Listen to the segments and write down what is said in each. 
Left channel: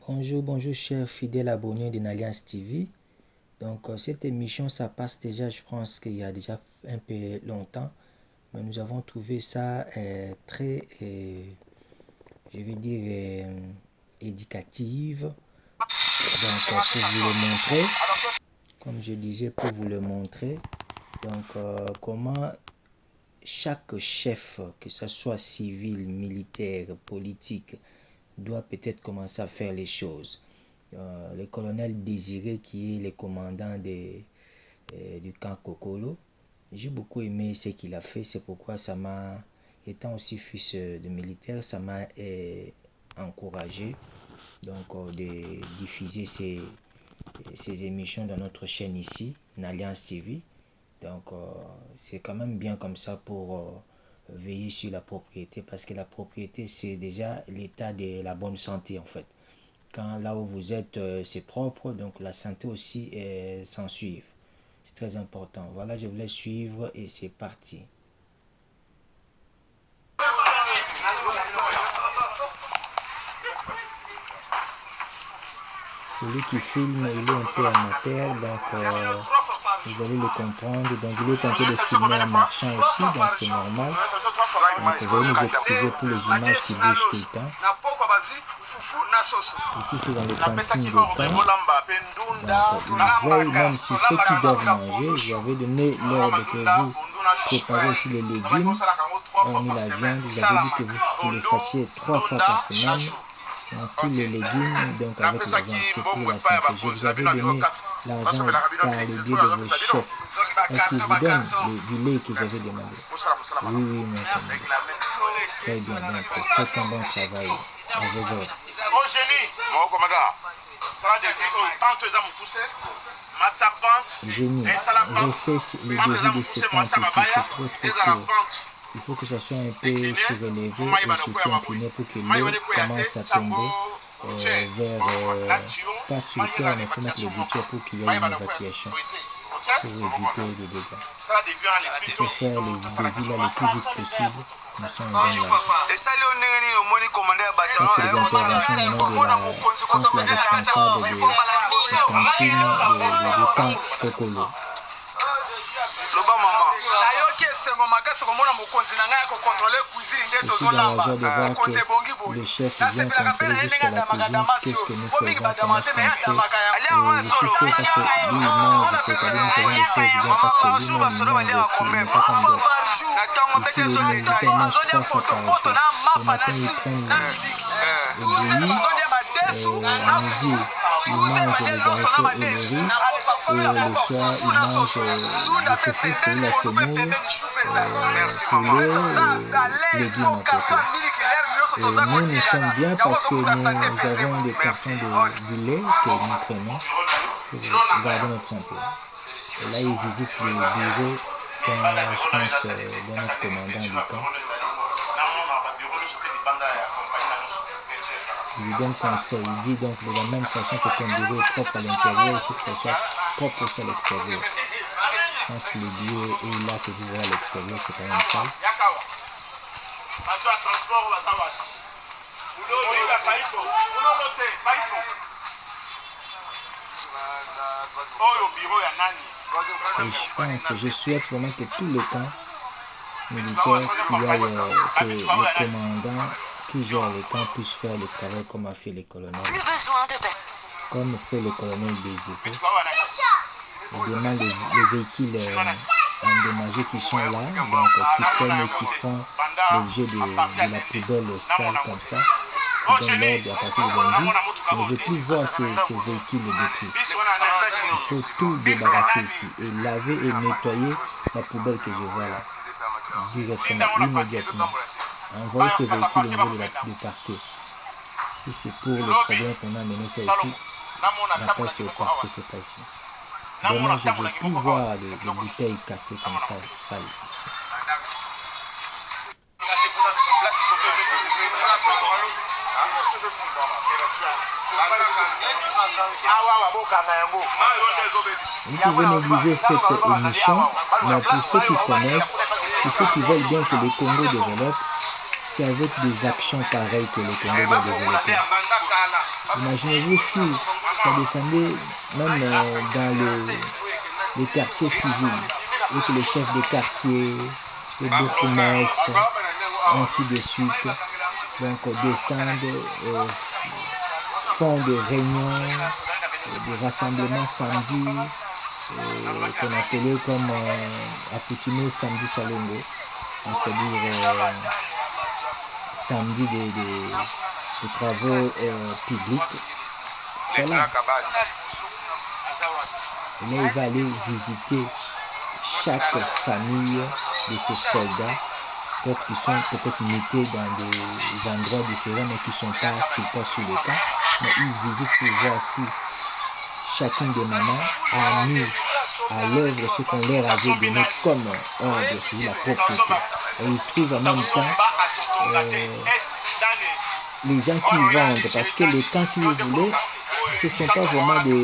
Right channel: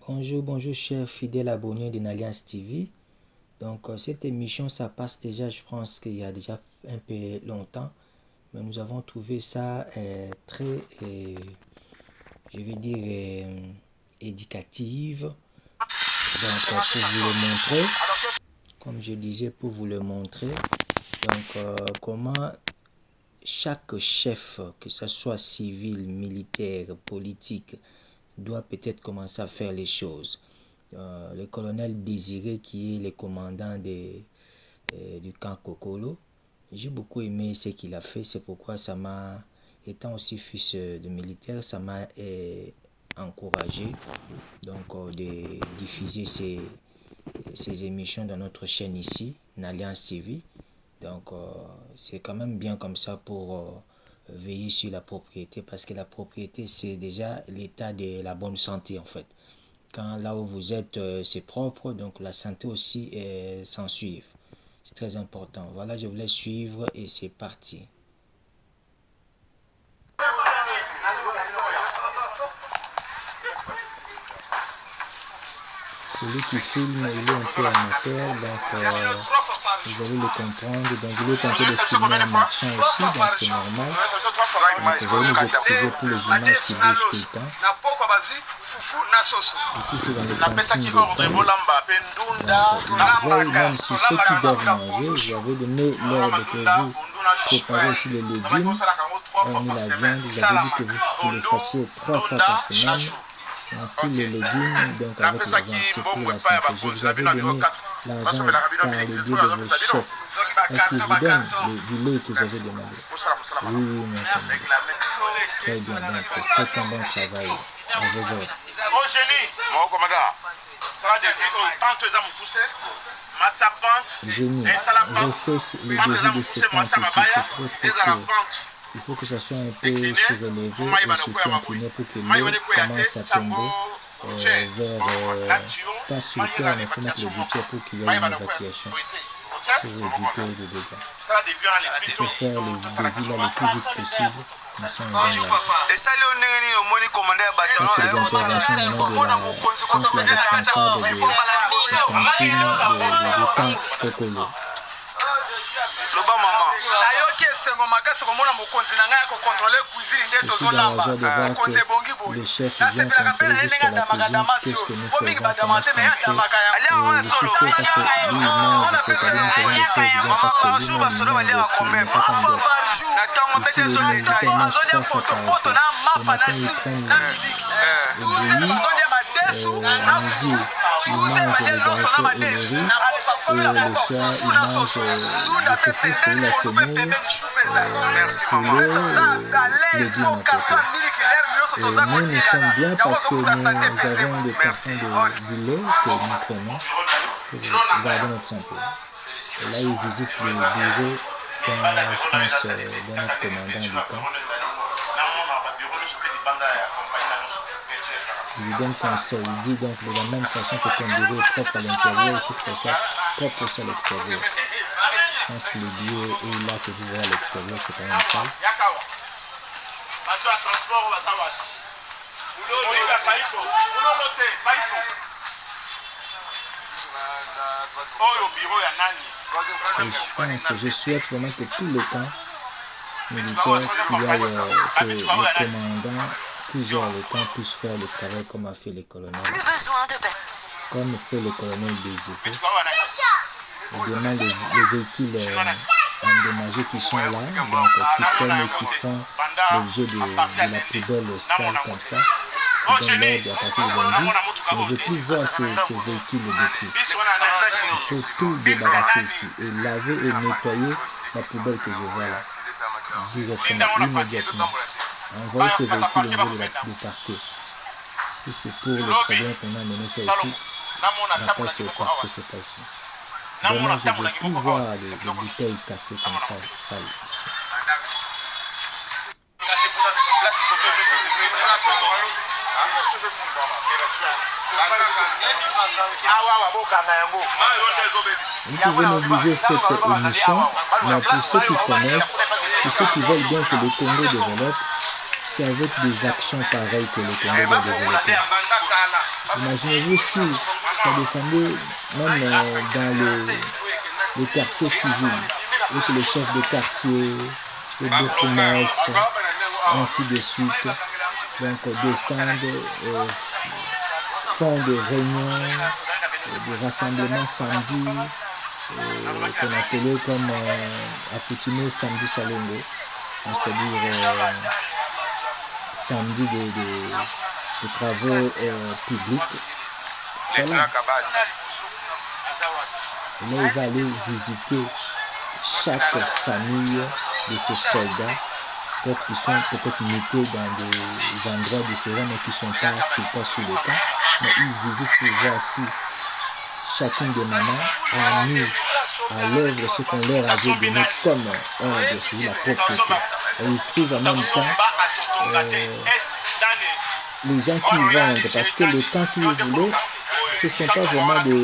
Bonjour chers fidèles abonnés de Nalliance TV. Donc cette émission, ça passe déjà, je pense qu'il y a déjà un peu longtemps, mais nous avons trouvé ça très, je vais dire, éducative. Donc pour vous le montrer, comme je disais, pour vous le montrer, donc comment chaque chef, que ce soit civil, militaire, politique, doit peut-être commencer à faire les choses. Le colonel Désiré, qui est le commandant du camp Kokolo, j'ai beaucoup aimé ce qu'il a fait. C'est pourquoi ça m'a, étant aussi fils de militaire, ça m'a encouragé donc de diffuser ces émissions dans notre chaîne ici, Nalliance TV. Donc c'est quand même bien comme ça pour veiller sur la propriété, parce que la propriété, c'est déjà l'état de la bonne santé en fait. Quand là où vous êtes, c'est propre, donc la santé aussi s'en suit. C'est très important. Voilà, je voulais suivre et c'est parti. Celui qui filme, il est un peu amateur, donc vous allez le comprendre. Donc il est en train de filmer un marchand aussi, donc c'est normal. Donc vous allez nous excuser pour les images qui bougent tout le temps. Ici c'est dans le camping de temps. Donc ils veillent même sur ceux qui doivent manger. J'avais donné l'ordre que vous préparez aussi les légumes, hormis la viande. Vous avez dit que vous le fassiez 3 fois par semaine. Donc tous les légumes, donc avec la viande, c'est pour la santé. Je vous avais donné l'argent par le biais de vos chefs. Est-ce qu'ils vous donnent du lait que vous avez demandé? Oui, mon camarade. Très bien, donc faites un bon travail à vos ordres. Génie, refais le début de ces pentes ici, c'est trop court. Il faut que ça soit un peu surélevé et surtout incliné pour que l'eau commence à tomber vers, pas sur terre, mais il faut mettre le gouttière pour qu'il y ait une évacuation, pour éviter des dégâts. Il faut faire le devis là le plus vite possible. Nous sommes dans la... Ça, c'est les interventions maintenant de la, je pense, la responsable de cantine de camp Kokolo. Et puis dans la joie de voir que le chef vient contrôler jusqu'à la cuisine, qu'est-ce que nous faisons, comment est-ce qu'on fait. Et je suis sûr parce que lui, il mange, c'est-à-dire nous faisons des choses bien parce que lui-même, il mange aussi, il n'est pas comme d'autres. Ici, le militaire mange 3 fois par jour. Le matin, il prend le bouilli, à midi, il mange les haricots et le riz. Et le soir, il mange le foufou, c'est la semoule, poulet et légumes à côté. Et nous, nous sommes bien parce que nous avons des cartons du lait que nous prenons pour garder notre santé. Et là, il visite le bureau dans, je pense, dans notre commandant du camp. Il lui donne conseil, il dit donc de la même façon que ton bureau est propre à l'intérieur, il faut que ça soit propre aussi à l'extérieur. Je pense que le bureau est là que vous voyez à l'extérieur, c'est quand même sale. Je souhaite vraiment que tous les camps militaires qu'il y a, que le commandant qui gère le camp puisse faire le travail comme a fait le colonel. Comme fait le colonel Désiré. Il demande les véhicules endommagés qui sont là, donc qui prennent et qui font l'objet de la poubelle sale comme ça. Ils donnent l'ordre à partir de lundi. Je ne veux plus voir ces véhicules détruits. Il faut tout débarrasser ici et laver et nettoyer la poubelle que je vois là. Directement, immédiatement. Envoyer ces véhicules au niveau du parquet. Si c'est pour le problème qu'on a mené ça ici, d'après ce parquet, c'est pas ici. Vraiment, je ne veux plus voir les bouteilles cassées comme ça, sales ici. Vous pouvez négliger cette émission, mais pour ceux qui connaissent, pour ceux qui veulent bien que le Congo développe, c'est avec des actions pareilles que le Congo doit développer. Imaginez-vous si ça descendait même dans les quartiers civils, et que les chefs de quartier, les bourgmestres, ainsi de suite, donc descendent, font des réunions, des rassemblements samedi, qu'on appelait comme accoutumé samedi salongo, c'est-à-dire samedi de travaux publics. Voilà. Là, il va aller visiter chaque famille de ces soldats, d'autres qui sont peut-être mutés dans des endroits différents, mais qui ne sont pas sur le camp. Mais il visite pour voir si chacune des mamans a mis à l'œuvre ce qu'on leur avait donné comme ordre sur la propreté. Et il trouve en même temps les gens qui vendent, parce que les camps, si vous voulez, ce ne sont pas vraiment des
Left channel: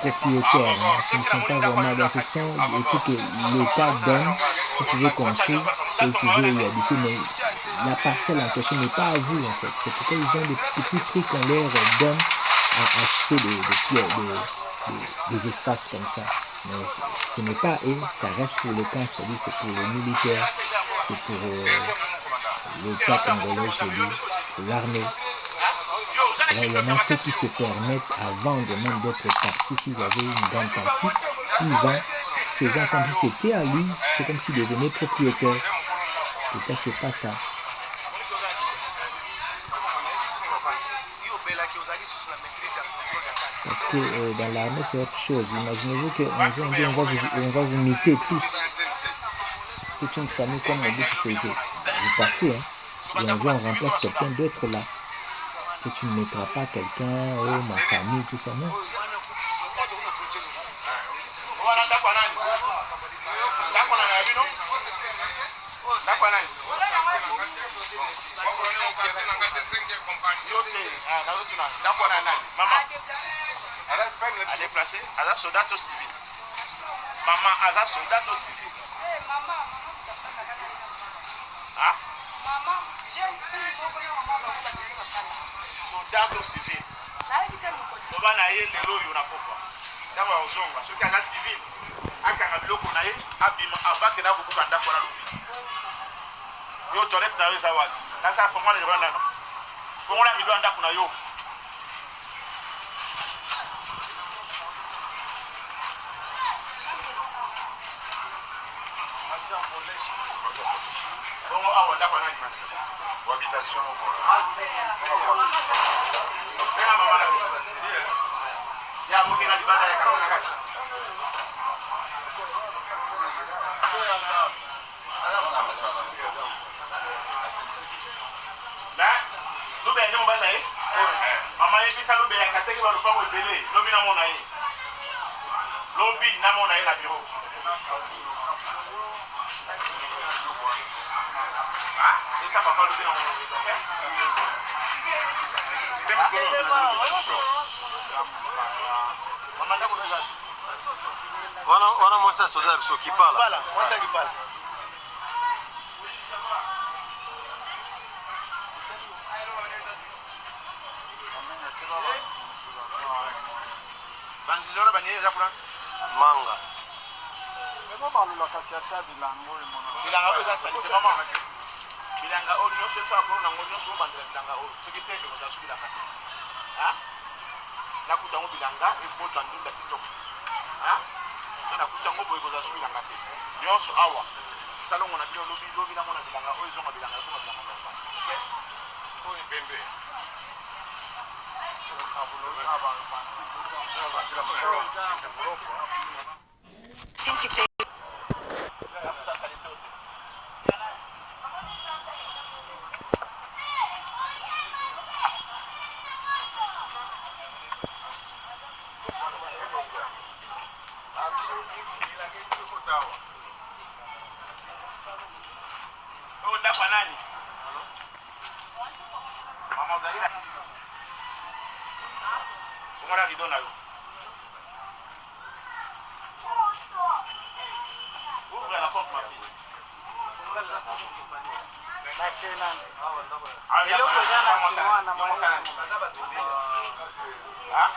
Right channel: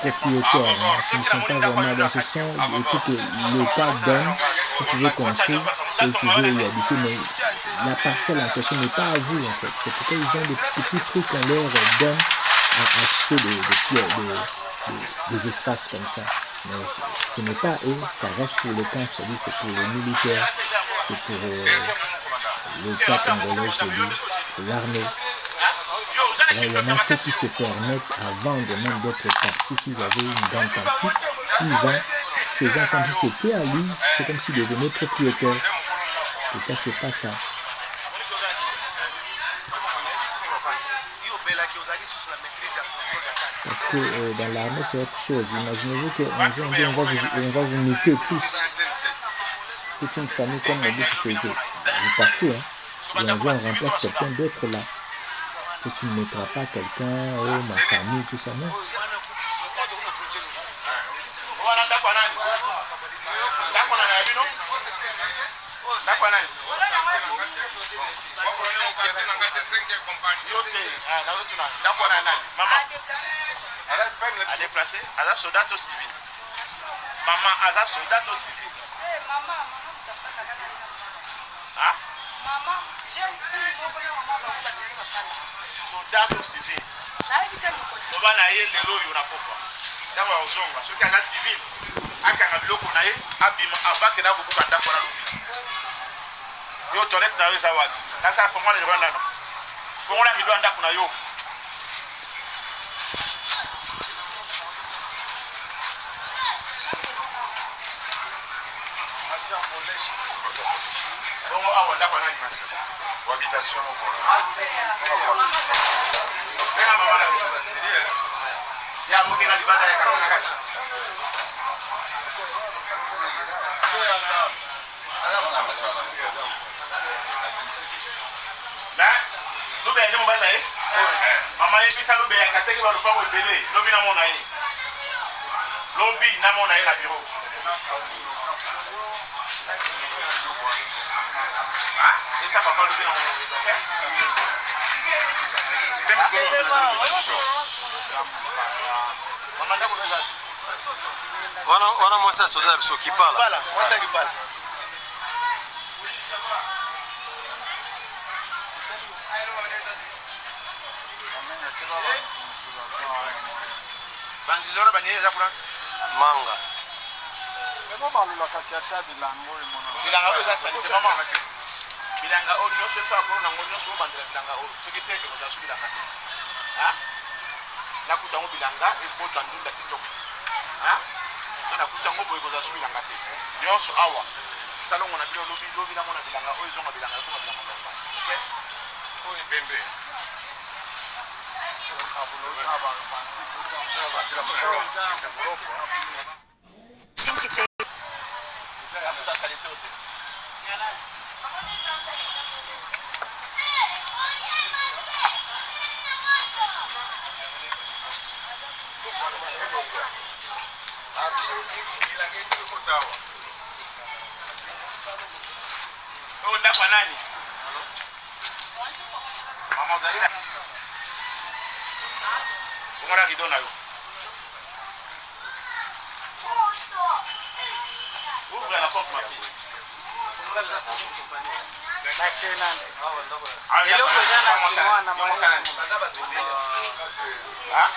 propriétaires, hein. Ce ne sont pas vraiment, donc ce sont des trucs que l'État donne, vous pouvez construire, et vous pouvez y habiter, mais la parcelle en question n'est pas à vous en fait. C'est pourquoi ils ont des petits trucs qu'on leur donne à acheter des espaces comme ça. Mais ce n'est pas eux, ça reste pour le camp, c'est-à-dire c'est pour les militaires, c'est pour l'État congolais, je dis, pour l'armée. Là, il y en a ceux qui se permettent avant de même d'être partis, s'ils avaient une grande partie, ils vont, faisant comme si c'était à lui, c'est comme s'il devenait propriétaire. Et ça, c'est pas ça. Parce que dans l'armée, c'est autre chose. Imaginez-vous qu'un jour, on va vous muter tous. Toute une famille comme on dit qui faisait. Vous partez, hein. Et un jour, on remplace quelqu'un d'autre là. Que tu ne mettras pas quelqu'un, oh, ma famille, tout ça, non. Soldat civil. Oba na ye lelo yo na pokwa. Ntango ya ozonga soki aza civil akanga biloko na ye abima avake na kokoka ndako na lobi. Yo toilette na yo eza wapi? Nasa fongola lido ndako. Fongola lido ndako na yo. Bongo awa ndako na nini? Habitation au ya mugina libanda ya kakuna kati. Na lube ya jemu bana ye? Mama ye pisa lube ya kateki ba lupango ebele, lobi na mona ye. Lobi na mona ye na biro. Ah, esa papa lobi na mona. Wana mwasa soda biso kipala. Kipala, mwasa kipala. Banzilora banyeza kuna Manga. Ebo balula kasi ata bilango imono. bilanga oza sanite mama. Bilanga o nyonso esa ko na ngonyo so bandela bilanga o. Soki teke ko za su bilanga. Ha? Na kutango bilanga e bota ndunda kitoko. Ha? Na kutango boy ko za su bilanga te. Nyonso awa. Salongo na bilo lobi na mona bilanga o ezonga bilanga ko bilanga na. Okay? O ipembe. Since it Ngora kidona yo. Ouvre la porte ma fille. bachenande Ah, eloko eza na chinois na Yo mosala nini? Ah?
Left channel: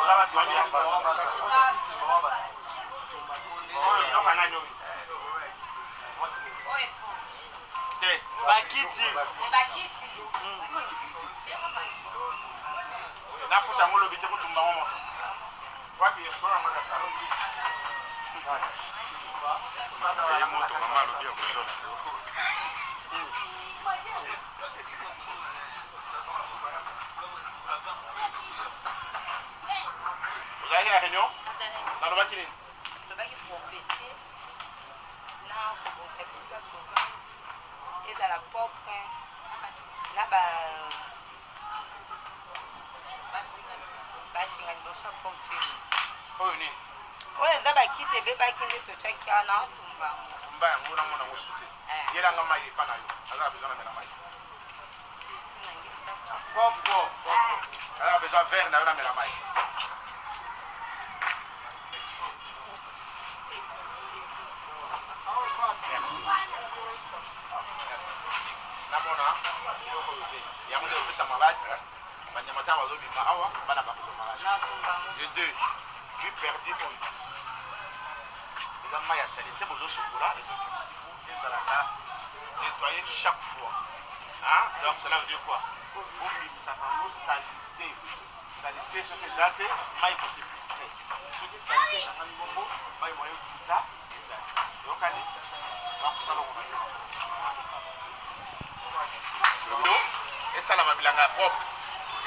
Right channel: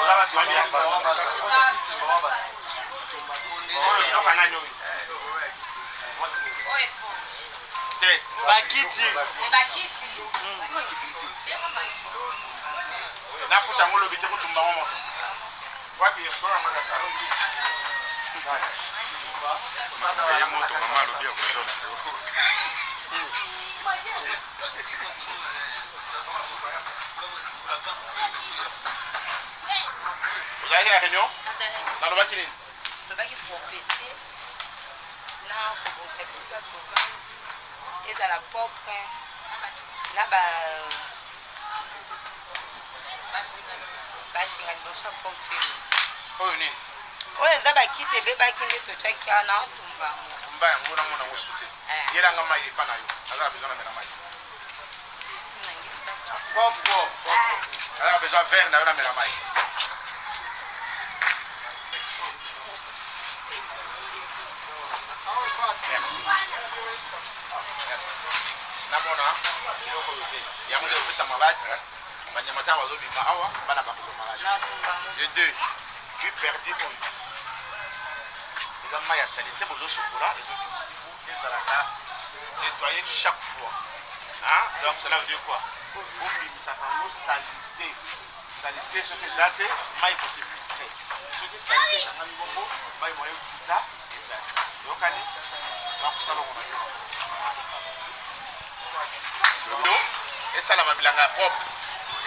Oza basi wambi ya- Oyo biloko nani oyo? Te. bakiti Nakuta yango lobi te kutumba ngo moto. Wapi ekolo yango ya kalo? Ye moto mama alobi akotola. Ozalaki na réunion? Nalobaki nini? tobaki propriété na kobongisa bisika tovandi ezala propre na basinga liboso ya ponctuel Oyo nini? oyo eza bakiti ebebaki nde totyaki awa na otumba Mba yango namona yango sute. Yelanga mai epa na yo. Azala besoin na mela mai. Azala besoin verre na yo na mela mai. Merci. Merci. Namona biloko oyo te. Yango nde opesa maladi. Banyama ntango bazobima awa bana bakozwa maladi. De deux. Puis perdi oyo. Eza mai ya sali te bozosokola ezalaka nettoyer chaque fois. Hein? Donc cela veut dire quoi? Bobimisaka yango salité. Salité soki eza te mai kosi filtre. Soki salité ekangami bongo mai moye kuta ezali. Yokani bakosala ngo na yo. Esalama bilanga ya propre.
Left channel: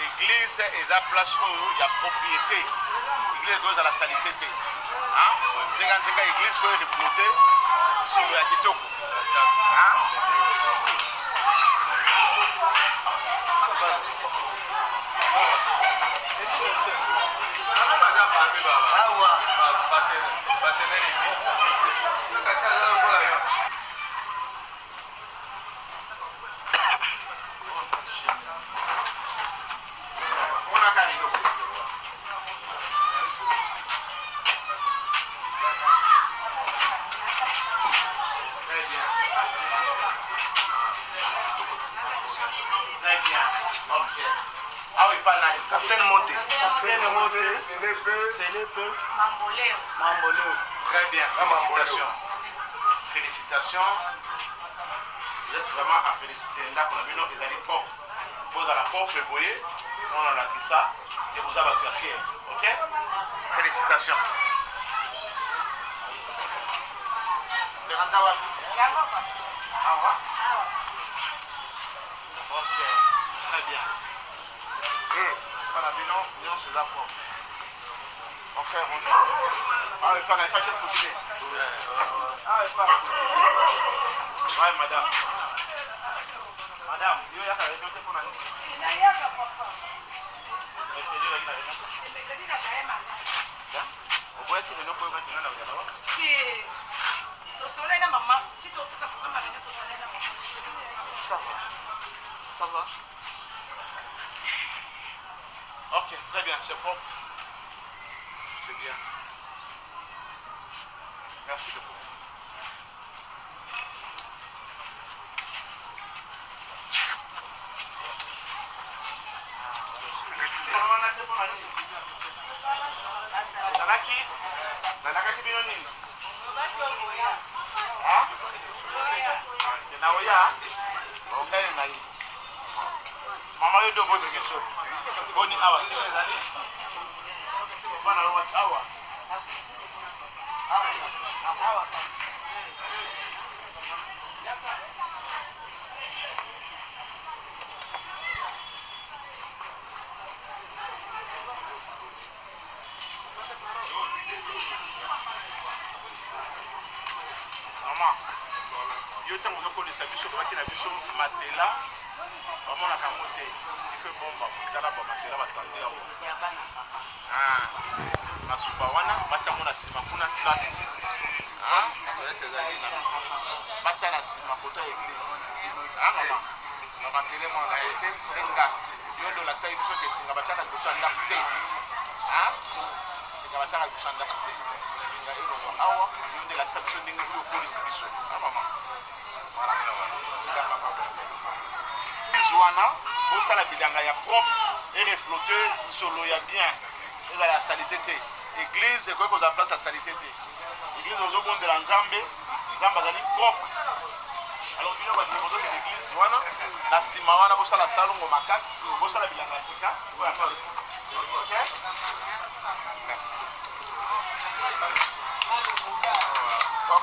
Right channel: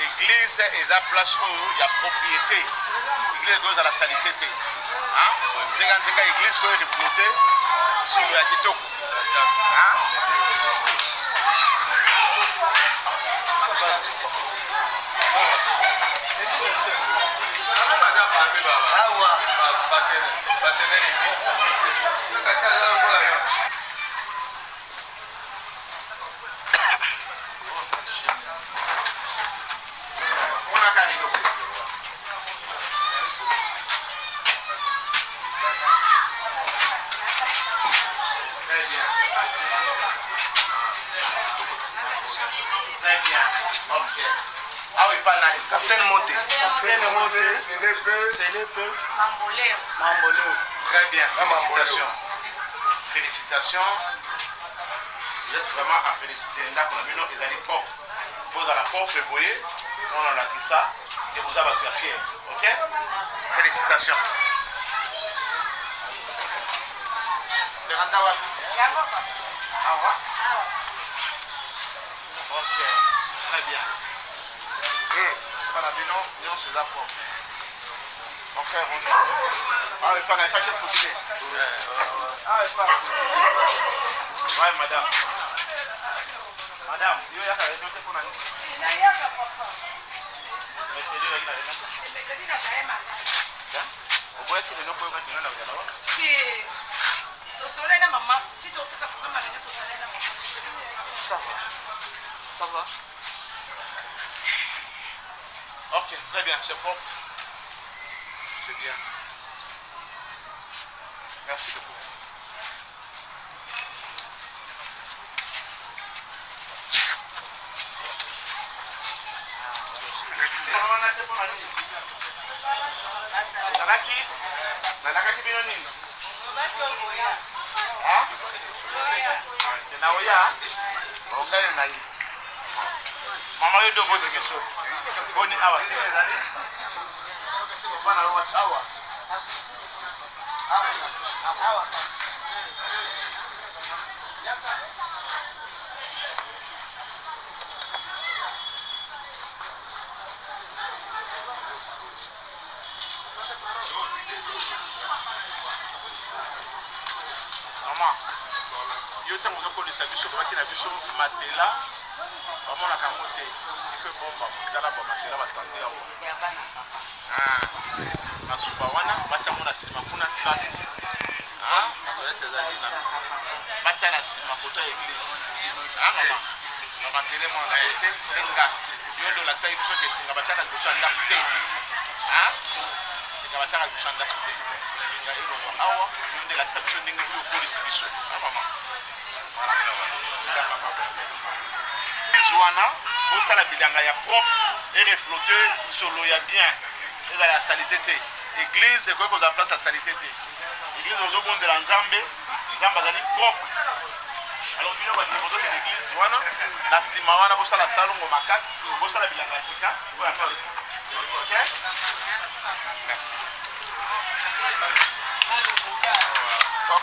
Église eza place oyo ya propriété. Église oyo ezala salité te. Nzenga église oyo reflété solo ya kitoko. Ah oui, pas nice. Capitaine Monté. Capitaine Monté. C'est le peu. Mamboleo. Très bien, félicitations. Félicitations. Vous êtes vraiment à féliciter. Ndako na bino ezali propre. Vous à la propre et voyez, on a qui ça et vous avez été fier. OK? Félicitations. Le randa wapi? Awa. OK. Très bien. Voilà, bino, nous c'est la propre. Mon frère, bonjour. Ah, il n'y a pas de possible. Ah, il pas possible. Ouais, madame. Madame, il y a un peu pour nous. Vous voyez qu'il est non pour vous. Ça va. Ok, très bien, c'est propre. C'est bien. Merci beaucoup. Nalaki bino nini? Ah? Naoya? Okai na yi. Mama yo do bote keso. Boni awa. Bana lo awa. Awa. Mama, yo tango zokolisa biso baki na biso matela bamonaka yango te ife bomba tala bamatela batandi yango masuba wana batya yango na nsima kuna place toilette ezali na batya na nsima koto ya église mama bamatele mwana ye te singa yo ndo olakisaki biso ke singa batyaka liboso ya ndako te singa batyaka liboso ya ndako te singa elongo awa yo nde elakisa biso ndenge oyo okolisi biso mama Zouana, au sala bilanga ya propre et refléter solo ya bien. Et la salité. Église, c'est quoi qu'on a place à salité. Église, on a de la Nzambe, Nzamba est propre. Alors, nous avons dit que l'église, la Simawana, pour ça la salon au Makas, pour ça la bilanga sika. Ok? Merci.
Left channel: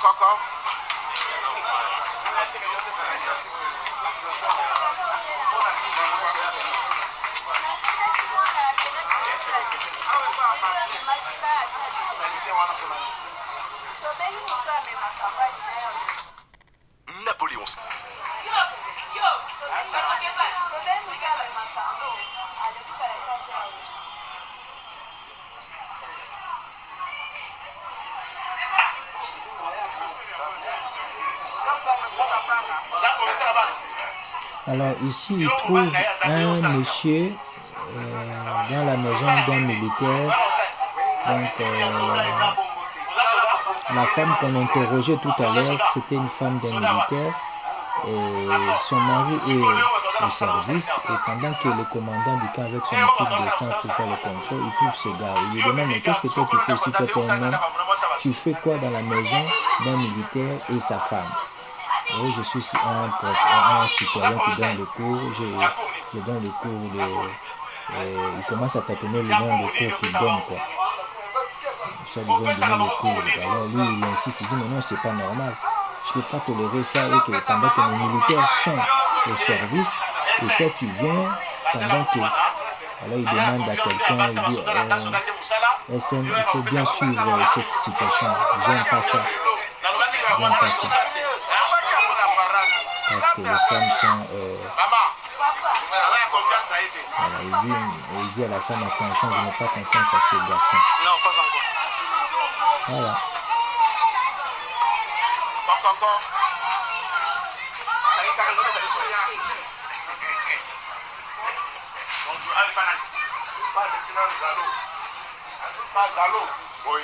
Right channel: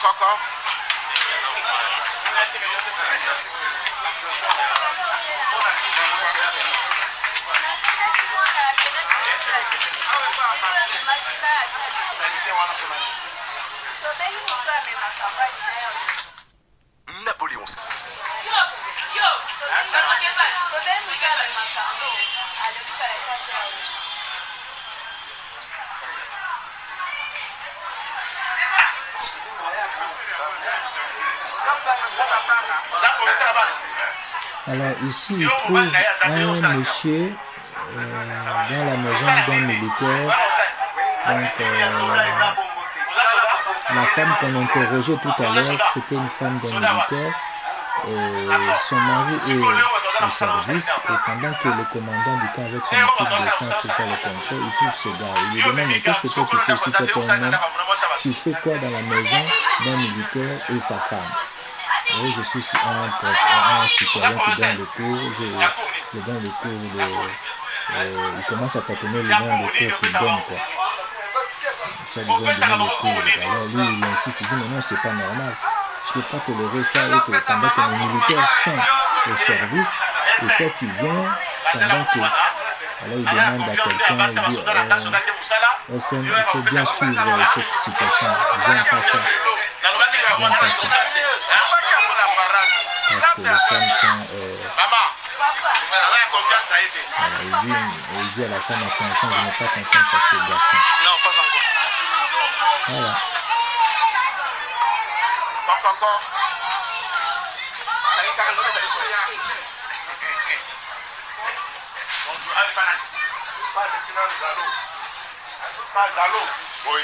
Coco. Napoléon. Alors ici, il trouve un monsieur dans la maison d'un militaire. Donc la femme qu'on interrogeait tout à l'heure, c'était une femme d'un militaire. Son mari est au service et pendant que le commandant du camp avec son équipe descend pour faire le contrôle, il trouve ce gars. Il lui demande mais qu'est-ce que toi tu fais ici, toi t'es un homme, tu fais quoi dans la maison d'un militaire et sa femme? Oui, je suis un citoyen qui donne le cours, je donne le cours il commence à tâtonner le nom de cours qu'il donne quoi. Ça lui donne le cours. Alors lui il insiste, il dit mais non c'est pas normal. Je ne peux pas tolérer ça et que pendant que les militaires sont au service et toi tu viens pendant que... Alors il demande à quelqu'un, il dit SM, il faut bien suivre cette situation, j'aime pas ça. J'aime pas ça. Parce que les femmes sont... voilà, il dit à la femme attention, je n'ai pas confiance à ce garçon. Non, pas encore. Voilà. Encore. Oui.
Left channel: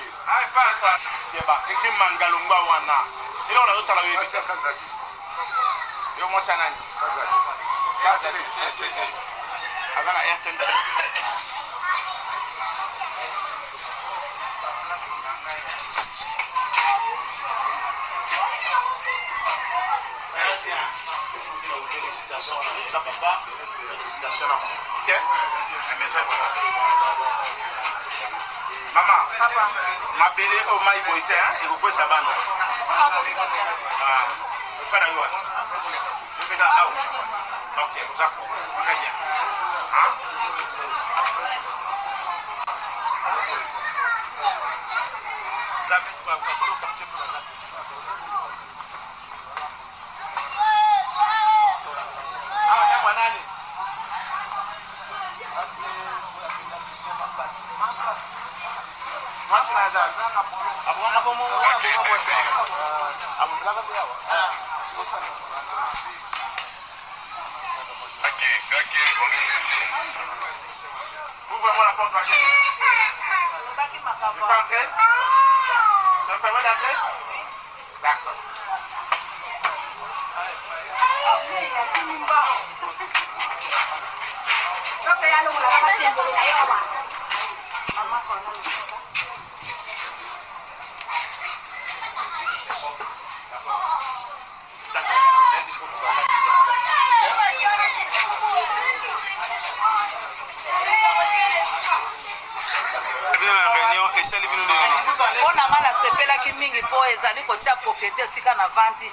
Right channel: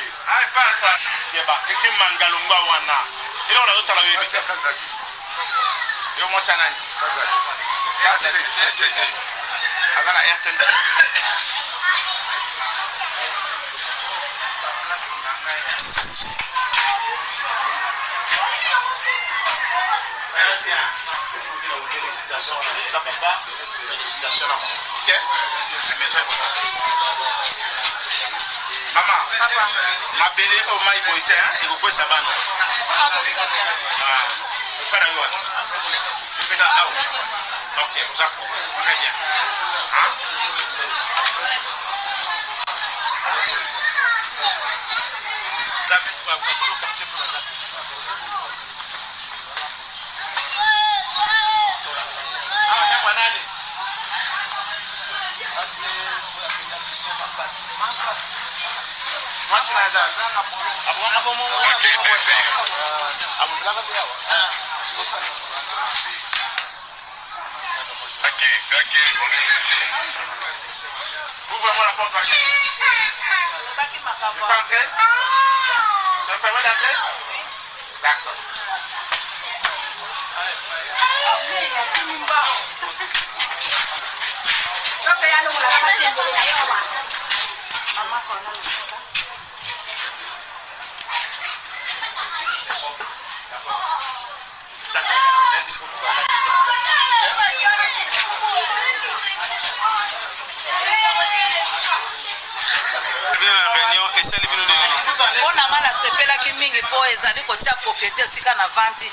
Ça papa, félicitations à moi. Ok? Maman, ma belle au maï boité, et vous pouvez s'abandonner. Ok, vous apprenez. Très bien. Hein? Ouvre-moi la porte, ma chérie. Tu peux entrer? Tu me permets d'entrer? D'accord. mpona nga nasepelaki mingi mpo ezali kotia propriété esika na vandi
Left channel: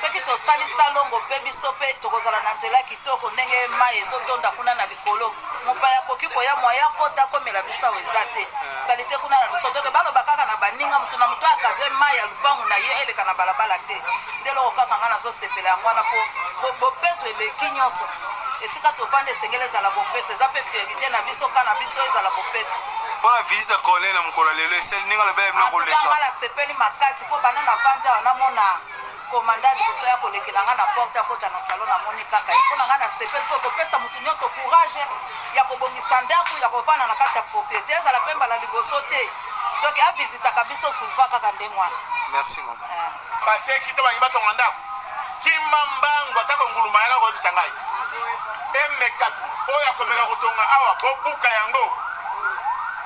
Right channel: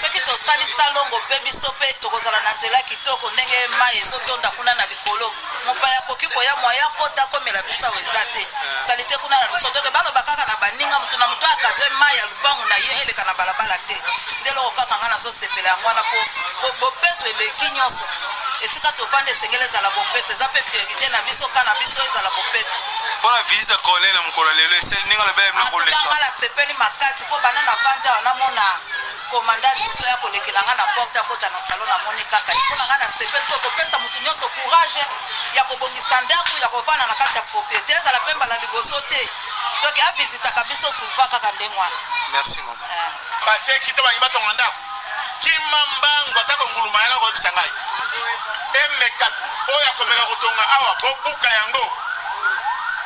soki tosalisa longo mpe biso mpe tokozala na nzela kitoko ndenge mai ezotonda kuna na likolo mopaya akoki koya mwaya kota komela biso awo eza te salite kuna na biso toke baloba kaka na baninga motu na motu akadre mai ya lubangu na ye eleka na balabala te nde loko kaka nga nazosepela yango wana mpo bopeto eleki nyonso esika tovanda esengeli ezala bopeto eza mpe fierité na biso ka na biso ezala bopeto mpona visite colonel na mokolo lelo esali ndenge aloba mna koleka nga nasepeli makasi mpo bana na vandi awa namona komanda liboso ya kolekela nga na porte akota na salon namoni kaka mpona nga nasepeli mpo kopesa motu nyonso courage ya kobongisa ndako ya kovanda na kati ya propriété ezala mpe mbala liboso te donc avisitaka biso souvent kaka ndenge wana merci mama bateki to bangi batonga ndako kimambango atako nguluma yaka koyebisa ngai emeka oyo akomeka kotonga awa bobuka yango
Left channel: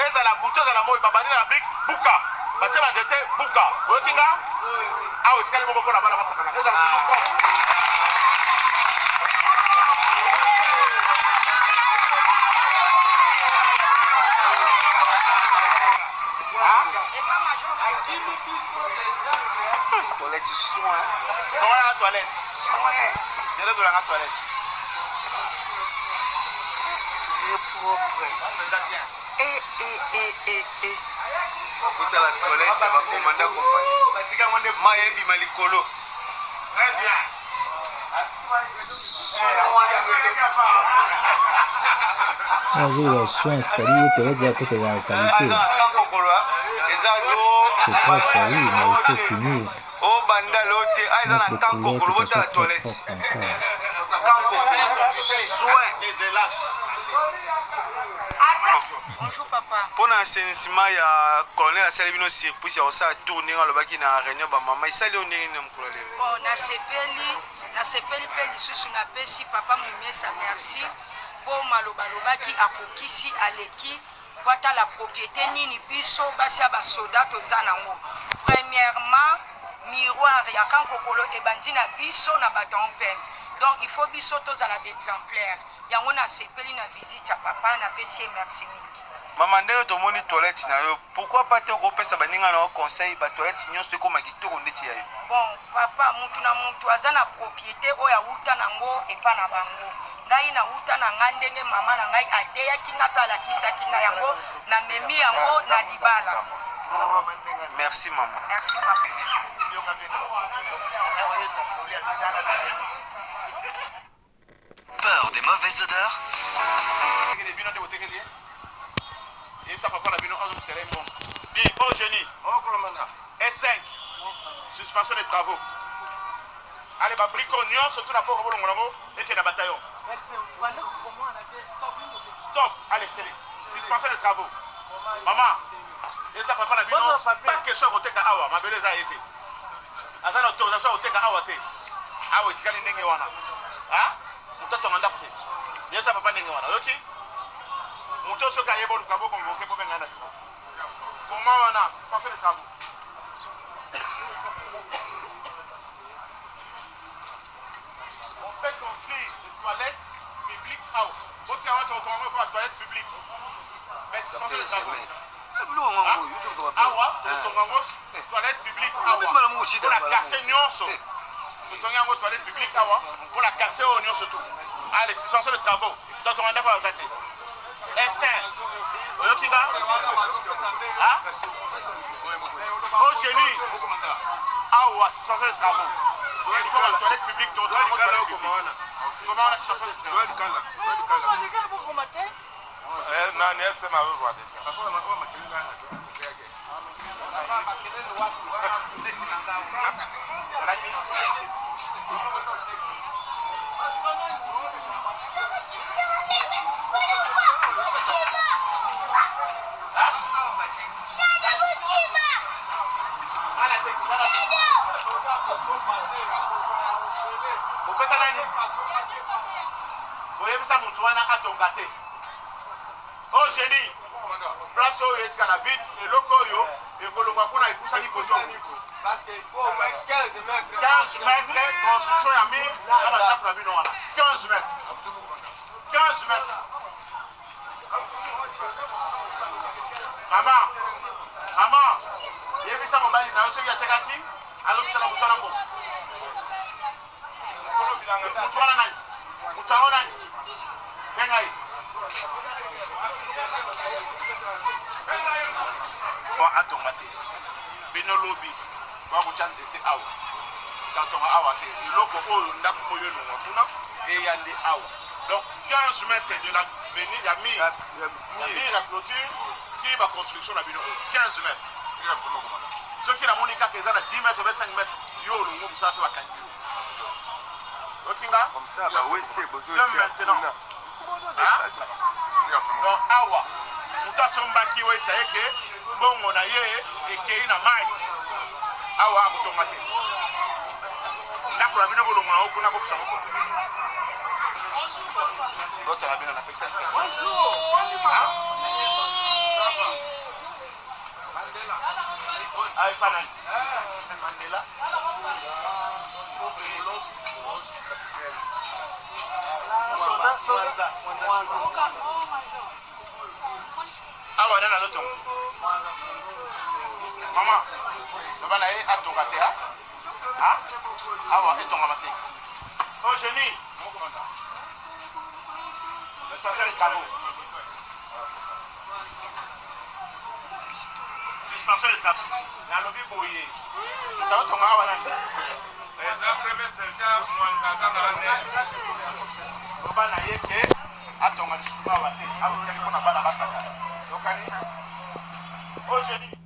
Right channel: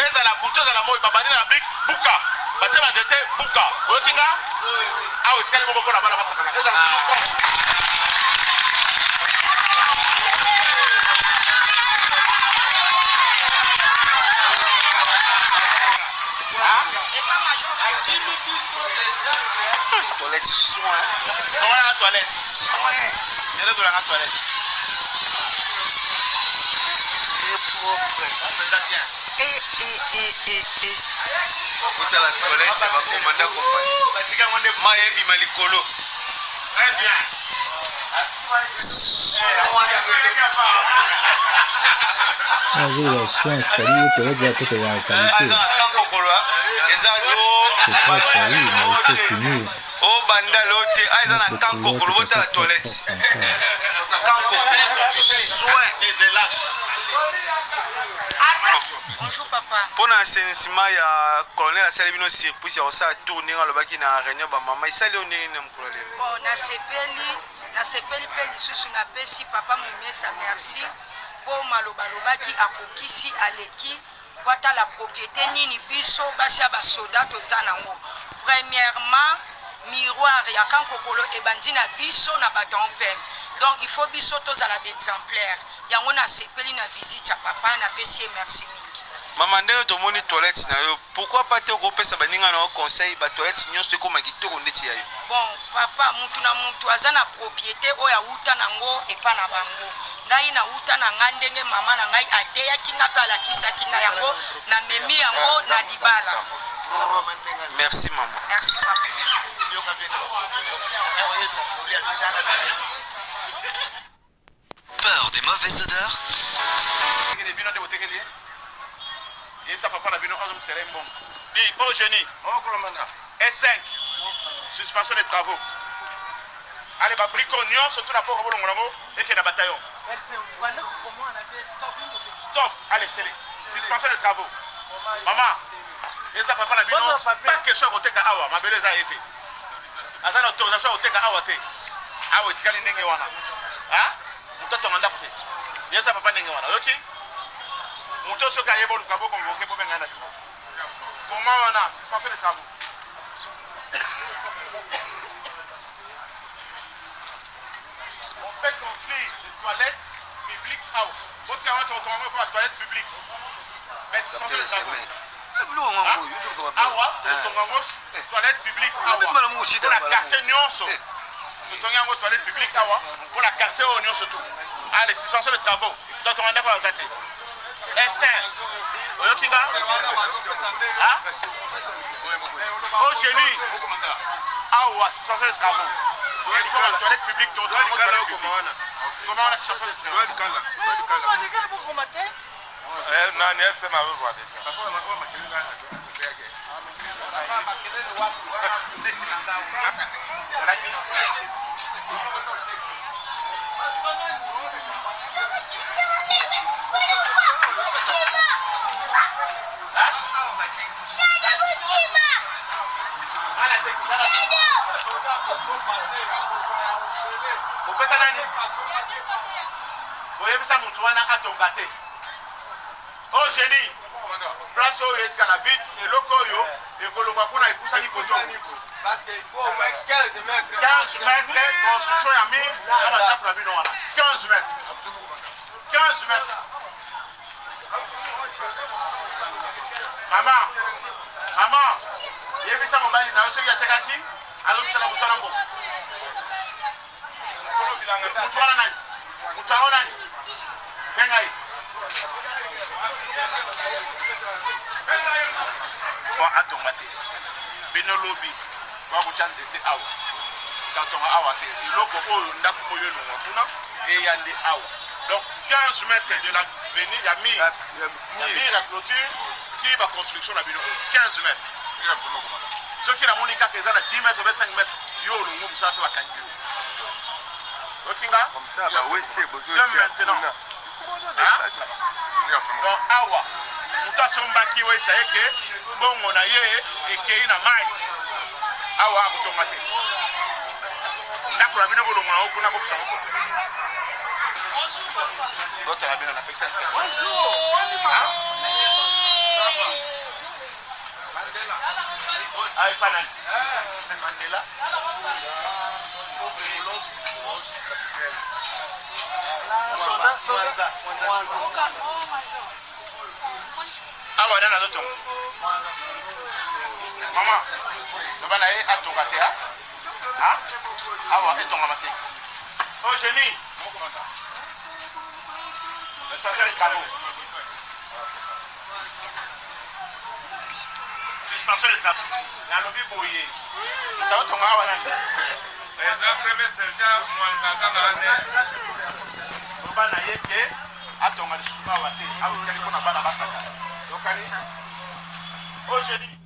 ezala buto ezala moi babandi na brik buka batie banzete buka oyoki nga awa etikali moko mpona bana basakana ezala tuluko Toilette soin. On va à la toilette. Je vais dans la toilette. Tu es propre. Écoute à la toilette, ça va commander compagnie. Maïebi Malikolo. Très bien. C'est très sérieux, mais il faut finir. Oh banda lote, aïe na kankokolo bota la toilette. Kankokolo. Soin. Bonjour papa. Pona assainissement ya colonel asali bino surprise ya osa tourner alobaki na réunion ba mama isali onenge na mukolo lelo. Bon, na sepeli pe lisusu na pesi papa Mumiesa merci po malobalobaki akokisi aleki kwata la propriété nini biso basi ba soda toza nango. Premièrement, miroir ya kankokolo ebandi na biso na baton pem. Donc il faut biso tozala d'exemplaire. Yango na sepeli na visite ya papa na pesi merci mingi. Maman ndenge tomoni toilette na yo, pourquoi pas te kopesa baninga na conseil ba toilette nyonso ekoma kitoko ndeti ya yo? Bon, papa mutu na mutu aza na propriété oyo awuta nango epa na bango. Ngai na wuta na nga ndenge mama na ngai ateyaki nga pe alakisaki na yango na memi yango na libala. Merci maman. Merci papa. Peur des mauvaises odeurs? Au génie. S5. Suspension des travaux. Allez, bah, bricognon, surtout la porte et qui est la bataillon. Stop. Allez, c'est les. Suspension des travaux. Maman, et ça, papa, la bino, pas question au teka awa, ma belle a été. À ça, l'autorisation au teka awa te. Ah oui, tu as l'ingé wana. Ah? Mouton ton mandat. Et ça, papa, n'ingé wana. Ok? Mouton, ce qu'il y a bon, le cabot, convoqué pour venir. Comment on a? Suspension des travaux. On fait construire des toilettes publiques à eau. Votre avant, on commence à la toilette publique. Mais c'est suspension des travaux. Awa, toilette publique awa. Pour la quartier Nyonso. Nous toilette publique awa. Pour la quartier Nyonso tout. Allez, suspension de travaux. Donc on a pas à gâter. S1. Oyokinga. Ah? Au génie. Awa, suspension de travaux. Pour la toilette publique, comment on a suspension de travaux? Nani FM a voir Opesa nani? Oyebisa mutu wana atonga te. Oh génie. Place oyo etikala vide eloko oyo ekolongwa kuna epusani koto. Parce qu'il faut 15 mètres construction ya mire na bazapu na bino wana. 15 mètres. 15 mètres. Maman, yebisa mobali na yo soki atekaki azobisala moto wana mbo. Moto wana nani? Moto yango nani? Benga ye. Kwa atonga te. Bino lobi bakutya nzete awa. Katonga awa te. Eloko oyo ndako oyo elongwa kuna eyande awa. Donc 15 mètres de la venue ya mire. Mire ya clôture qui va construction na bino 15 mètres. Soki na moni kaka eza na 10 mètres ou 5 mètres yo olongo mosala pe bakangi yo. Okinga? Comme ça, bah oui, c'est besoin de maintenant. Donc awa mutu asombaki we esaye ke bongo na ye ekei na mai awa akotonga te ndako na bino bolongo na okuna kopesa moko botala bino na pesa ay panani Mandela awa nana zotongo mama loba na ye atonga te awa etongama te o génie suspension de travaux nalobi boye taotonga awa nani loba na ye ke atonga lisusu awa te awa mpona bana basaka yokani o génie